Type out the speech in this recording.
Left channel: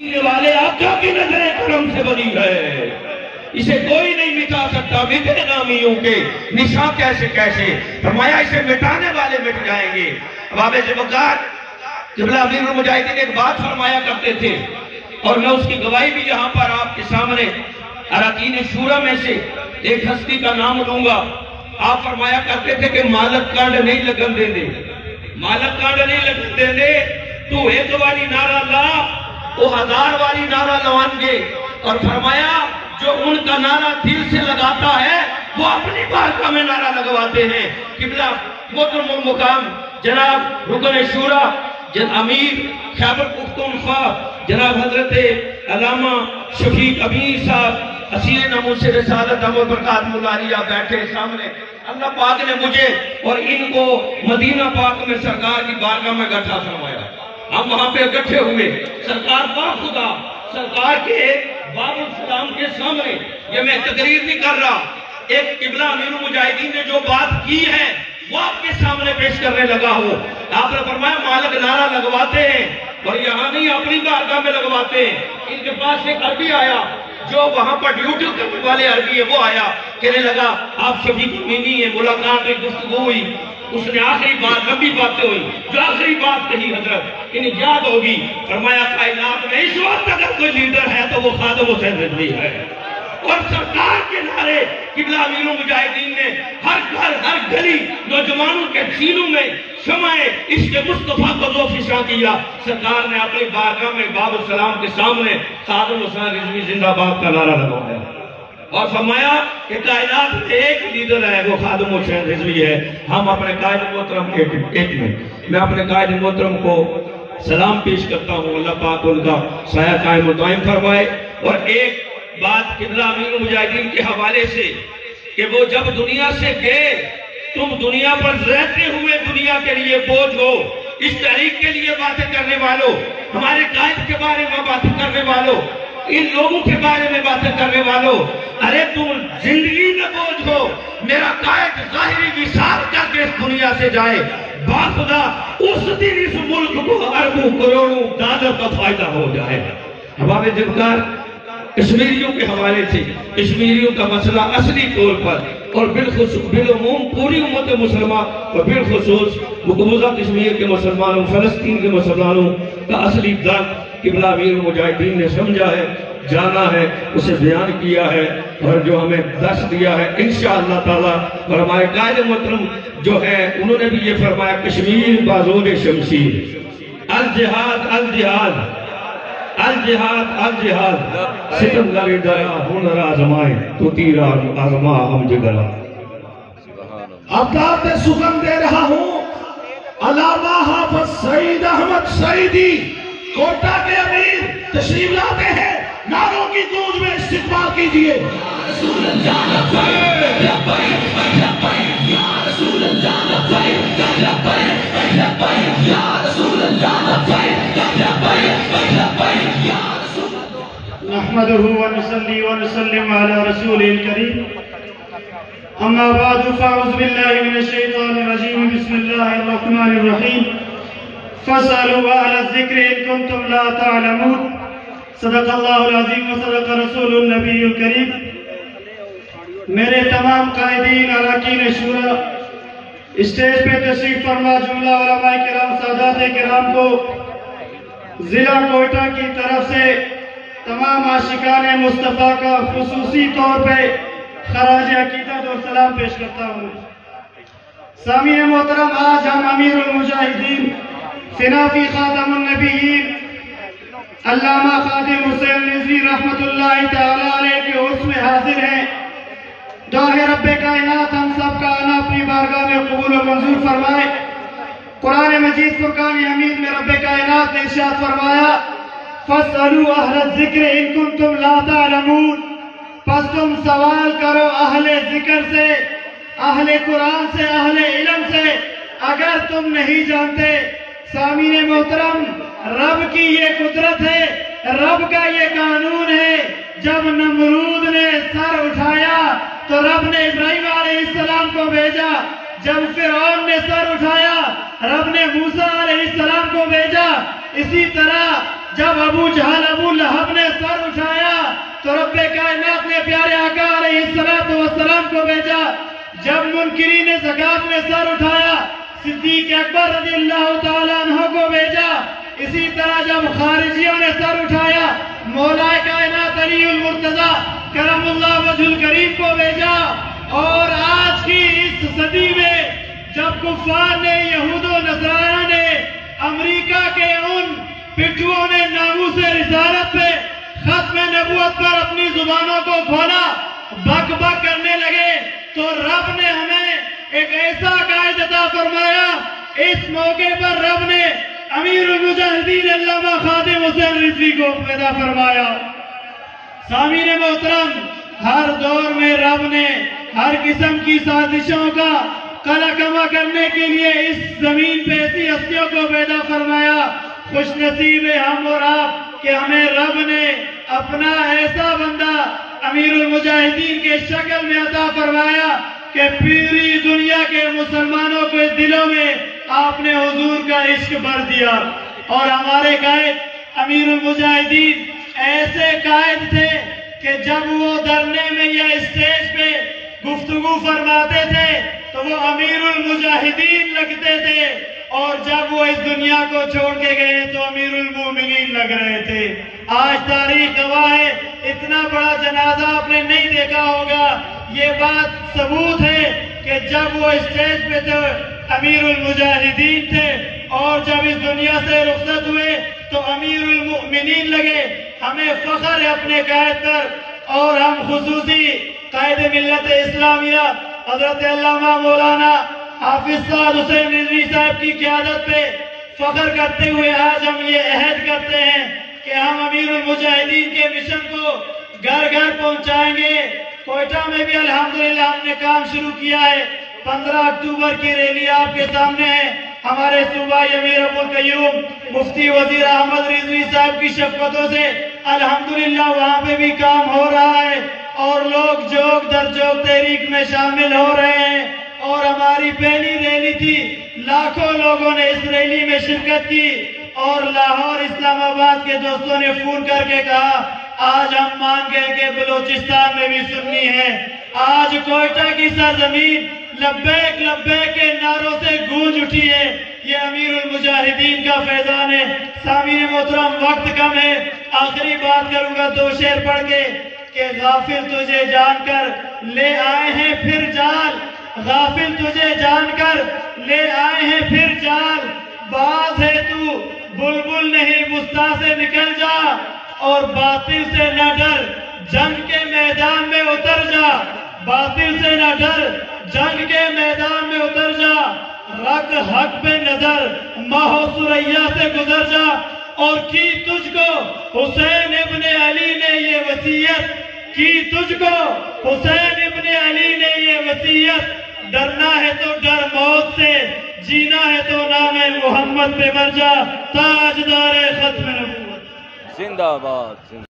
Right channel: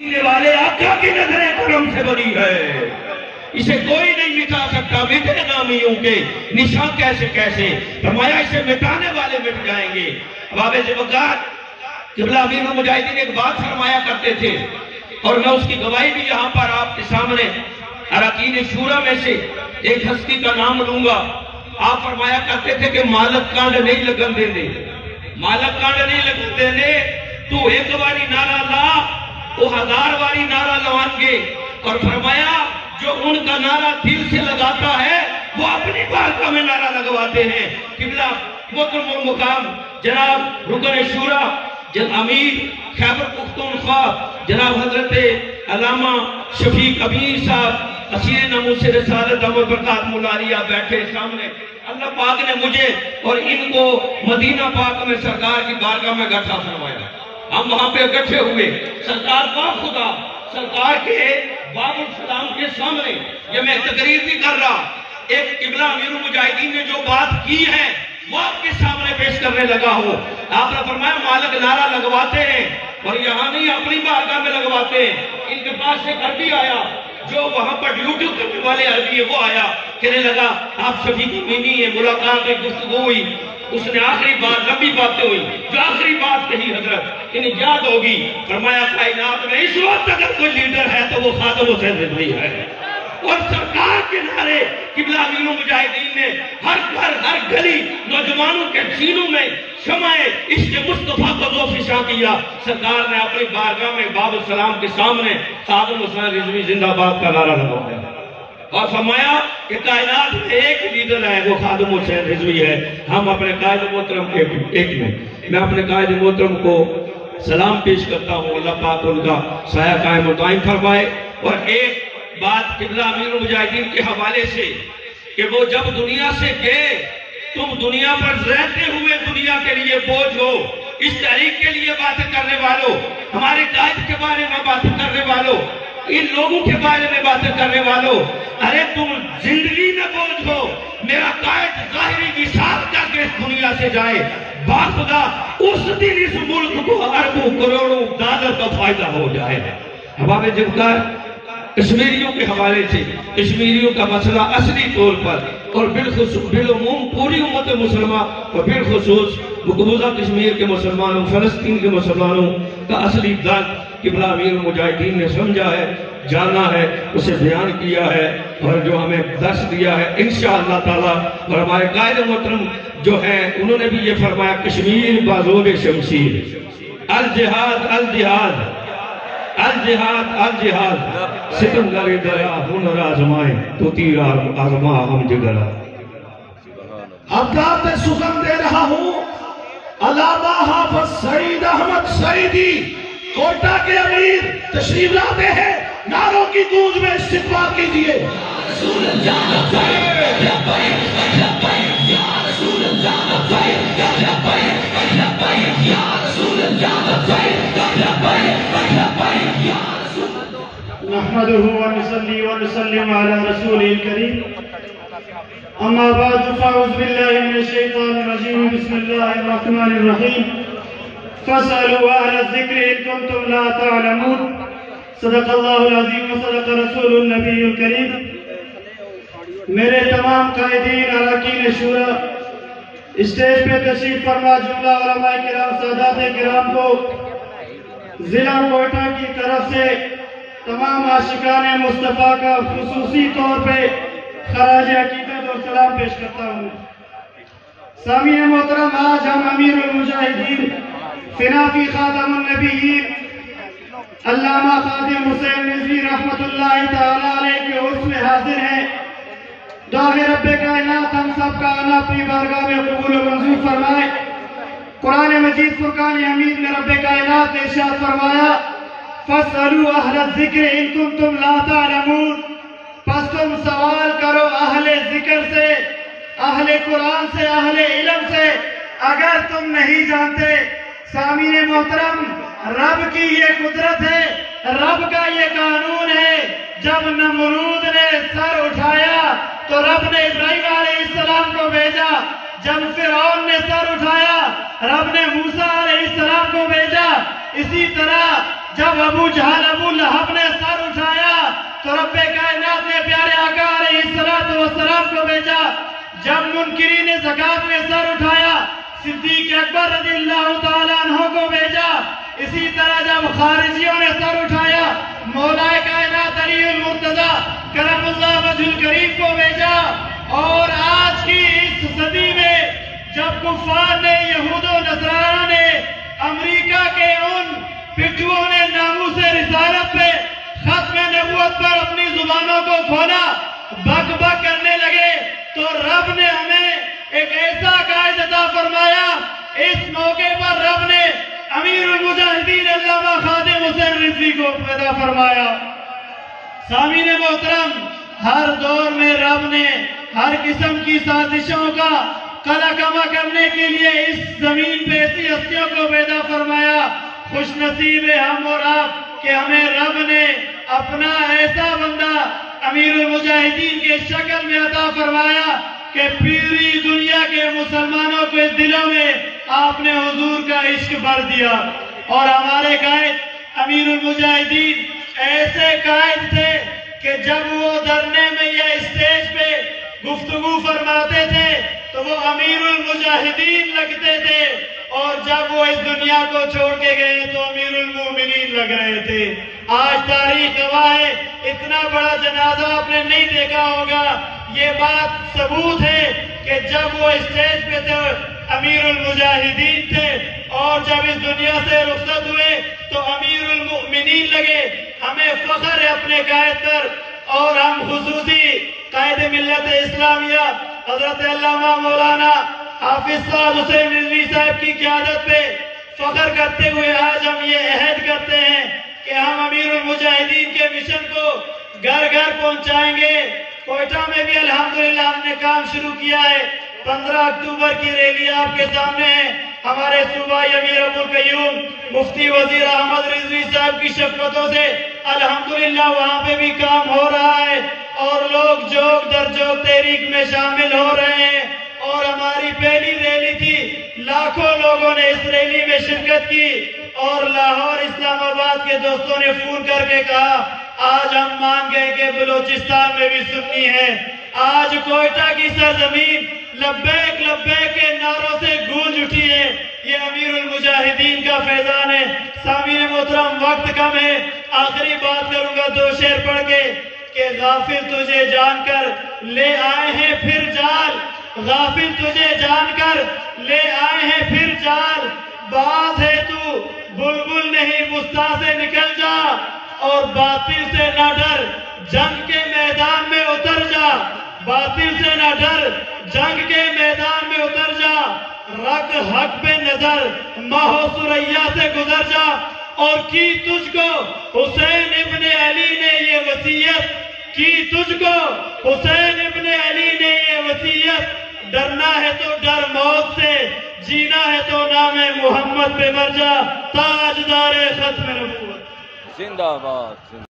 مٹانے والے آقا کی نظریں کرم سے بنی ہے، اسے کوئی نہیں مٹا سکتا، مٹے نامیوں کے نشان کیسے کیسے، فرمایا اسے مٹانے والے مٹ جائیں گے۔ اب سے وقات قبلہ امیر المجاہدین ایک بات فرمایا کرتے تھے اور میں اس کی گواہی بھی یہاں پر آپ کے سامنے اراکین شورا میں سے ایک ہستی کا نام لوں گا۔ آپ فرمایا کرتے تھے کہ مالک کانڈ نہیں لگن دے دے، مالک کانڈ نہیں لگن دے دے، تو ایک والی نعرہ لا وہ 1000 والی نعرہ لوان گے، اور فرمایا جو ان کا نعرہ دل سے لگاتا ہے وہ اپنی بارگاہ میں نعرہ لگواتے ہیں۔ قبلہ محترم المقام جناب رکن شورا امیر خیبر پختونخوا جناب حضرت علامہ شفیق امیر صاحب اسیر ناموس رسالت امر برکات ملاریہ بیٹھے سامنے، اللہ پاک نے مجھے اور ان کو مدینہ پاک میں سرکار کی بارگاہ میں اکٹھا فرمایا۔ ہم وہاں پہ اکٹھے ہوئے، سرکار با خدا سرکار کے باب السلام کے سامنے یہ میں تقریر بھی کر رہا، ایک قبلہ امیر المجاہدین نے جو بات کی ہے وہ آپ کے سامنے پیش کرنے لگا ہوں۔ آپ نے فرمایا مالک نعرہ لگواتے ہیں اور یہاں نہیں اپنی بارگاہ میں لگواتے ہیں۔ ان کے پاس ایک عربی آیا جو وہاں پر ڈیوٹی کرنے والے عربی ہے، وہ آیا کہنے لگا آپ شفیق امینی ہیں، ملاقات ہوئی، گفتگو ہوئی، اس نے آخری بات لمبی باتیں ہوئی، جو آخری بات کہی حضرت انہیں یاد ہوگی، فرمایا کائنات میں اس وقت اگر کوئی لیڈر ہے تو وہ خادم حسین رضوی ہے، اور سرکار کے نعرے قبلہ امیر المجاہدین نے ہر گھر ہر گلی نوجوانوں کے سینوں میں شمع عشق مصطفیٰ کو ذوفشاں کیا۔ سرکار نے اپنی بارگاہ میں باب السلام کے سامنے خادم حسین رضوی زندہ باد کا نعرہ لگوایا اور فرمایا کہ کائنات میں ایک لیڈر ہے وہ خادم حسین رضوی ہے۔ ہم اپنے قائد محترم میں اپنے قائد محترم کو سلام پیش کرتا ہوں، اللہ پاک ان کا سایہ قائم و دائم فرمائے۔ اور ایک بات قبلہ امیر المجاہدین کے حوالے سے کہ وہ جب دنیا سے گئے، تم دنیا پر رہتے ہوئے دنیا کے لیے بوجھ ہو، اس تحریک کے لیے باتیں کرنے والوں، ہمارے قائد کے بارے میں باتیں کرنے والوں، ان لوگوں کے بارے میں باتیں کرنے والوں، ارے تم زندگی نہ بوجھ ہو، میرا قائد ظاہری وصال کر کے اس دنیا سے جائے، باخدا اس دن اس ملک کو اربوں کروڑوں ڈالر کا فائدہ ہو جائے۔ ہمارے جنکار کشمیریوں کے حوالے سے کشمیریوں کا مسئلہ اصلی طور پر اور بالعموم پوری امت مسلمہ اور بالخصوص مقبوضہ کشمیر کے مسلمانوں، فلسطین کے مسلمانوں کا اصلی درد قبلہ امیر المجاہدین نے سمجھا ہے، جانا ہے، اسے بیان کیا ہے اور جو ہمیں درس دیا ہے انشاءاللہ تعالی۔ اور ہمارے قائد محترم جو ہے انہوں نے بھی یہ فرمایا کشمیر بازور شمشیر، الجہاد الجہاد الجہاد الجہاد، ستم لگے گیا ہنر آزمائے تو تیر آزما ہم جگرا۔ ابداد سخن دے رہا ہوں علامہ حافظ سعید احمد سعیدی کوٹا کے امیر تشریف لاتے ہیں، نعروں کی گونج میں استقبال کیجئے۔ رسول اللہ لبیک لبیک لبیک یا رسول اللہ لبیک لبیک لبیک یا رسول اللہ لبیک لبیک لبیک یا رسول اللہ۔ نحمده ونصلي ونسلم على رسوله الكريم، اما بعد فاعوذ بالله من الشيطان الرجيم، بسم الله الرحمن الرحيم، فاسألوا أهل الذكر إن كنتم لا تعلمون، صدق اللہ العظیم وصدق رسول النبی الکریم۔ میرے تمام قائدین اراکین شورا، اسٹیج پہ تشریف فرما جملہ علماء کرام سادات کرام کو ضلع کوئٹہ کی طرف سے تمام عاشقان مصطفیٰ کا خصوصی طور پہ خراج عقیدت اور سلام پیش کرتا ہوں۔ سامعین محترم، آج ہم امیر المجاہدین فنافی خاتم النبیین علامہ خادم حسین رضوی رحمت اللہ تعالیٰ علیہ کے عرس میں حاضر ہیں۔ دعا ہے رب کائنات ہم سب کا آنا اپنی بارگاہ میں قبول و منظور فرمائے۔ قرآن مجید فرقان حمید میں رب کائنات نے ارشاد فرمایا فَاسْأَلُوا أَهْلَ الذِّكْرِ إِن كُنتُمْ لَا تَعْلَمُونَ، پس تم سوال کرو اہل ذکر سے، اہل قرآن سے، اہل علم سے اگر تم نہیں جانتے۔ سامعین محترم، رب کی یہ قدرت ہے، رب کا یہ قانون ہے، جب نمرود نے سر اٹھایا تو رب نے ابراہیم علیہ السلام کو بھیجا، جب فرعون نے سر اٹھایا رب نے موسیٰ علیہ السلام کو بھیجا، اسی طرح جب ابو جہل ابو لہب نے سر اٹھایا تو رب کائنات نے پیارے آقا علیہ السلام کو بھیجا. جب منکرین زکات نے سر اٹھایا صدیق اکبر رضی اللہ تعالیٰ عنہ کو بھیجا. اسی طرح جب خارجیوں نے سر اٹھایا مولا کائنات علی المرتضی کرم اللہ وجہ الکریم کو بھیجا. اور آج کی اس صدی میں جب کفار نے یہود و نصارہ نے امریکہ کے ان پٹھوؤں نے ناموس رسالت پہ ختم نبوت پر اپنی زبانوں کو کھولا بک بک کرنے لگے تو رب نے ہمیں ایک ایسا قائد عطا فرمایا. اس موقع پر رب نے امیر المجاہدین علامہ خادم حسین رضوی کو پیدا فرمایا. سامعین محترم، ہر دور میں رب نے ہر قسم کی سازشوں کا قلع کما کرنے کے لیے اس زمین پہ ایسی ہستیوں کو پیدا فرمایا. خوش نصیب ہم اور آپ کہ ہمیں رب نے اپنا ایسا بندہ امیر المجاہدین کے شکل میں عطا فرمایا کہ پوری دنیا کے مسلمانوں کے دلوں میں آپ نے حضور کا عشق بھر دیا. اور ہمارے قائد امیر المجاہدین ایسے قائد تھے کہ جب وہ دھرنے میں یا اسٹیج پہ گفتگو فرماتے تھے تو وہ امیر المجاہدین لگتے تھے، اور جب وہ اس دنیا کو چھوڑ کے گئے تو امیر المومنین لگ رہے تھے. آج تاریخ گواہ ہے، اتنا بڑا جنازہ آپ نے نہیں دیکھا ہوگا. یہ بات ثبوت ہے کہ جب وہ اسٹیج پہ تھے امیر المجاہدین تھے، اور جب اس دنیا سے رخصت ہوئے تو امیر المؤمنین لگے. ہمیں فخر ہے اپنے قائد پر، اور ہم خصوصی قائد ملت اسلامیہ حضرت علامہ مولانا حافظ سعد حسین رضوی صاحب کی قیادت پہ فخر کرتے ہوئے آج ہم یہ عہد کرتے ہیں کہ ہم امیر المجاہدین کے مشن کو گھر گھر پہنچائیں گے. کوئٹہ میں بھی الحمدللہ ہم نے کام شروع کیا ہے. 15 اکتوبر کی ریلی آپ کے سامنے ہے. ہمارے صوبائی امیر ابو القیوم مفتی وزیر احمد رضوی صاحب کی شفقتوں سے الحمدللہ وہاں پہ بھی کام ہو رہا ہے، اور لوگ جوگ در جوگ تحریک میں شامل ہو رہے ہیں. اور ہماری پہلی ریلی تھی، لاکھوں لوگوں نے اس ریلی میں شرکت کی، اور لاہور اسلام آباد کے دوستوں نے فون کر کے کہا آج ہم مان گئے کہ بلوچستان میں بھی سنی ہے. آج کوئٹہ کی سرزمین لبیک لبیک کے نعروں سے گونج اٹھی ہے. یہ امیر المجاہدین کا فیضان ہے. سامعین محترم، وقت کم ہے، آخری بات کروں گا 2 شعر پڑھ کے کہ غافل تجھے جان کر لے آئے ہیں پھر جال، غافل تجھے جان کر لے آئے ہیں پھر جال. باز ہے تو بلبل نہیں وسطی سے نکل جا، اور باطل سے نہ ڈر جنگ کے میدان میں اتر جا. باطل سے نہ ڈر جنگ کے میدان میں اتر جا. رکھ حق پہ نظر ماہ و ثریا سے گزر جا. اور کی تجھ کو حسین ابن علی نے یہ وصیت کی، تجھ کو حسین ابن علی نے یہ وصیت. ڈرنا ہے تو ڈر موت سے، جینا ہے تو نام محمد پہ مر جا. تاجدار ختم نبوت. زندہ باد.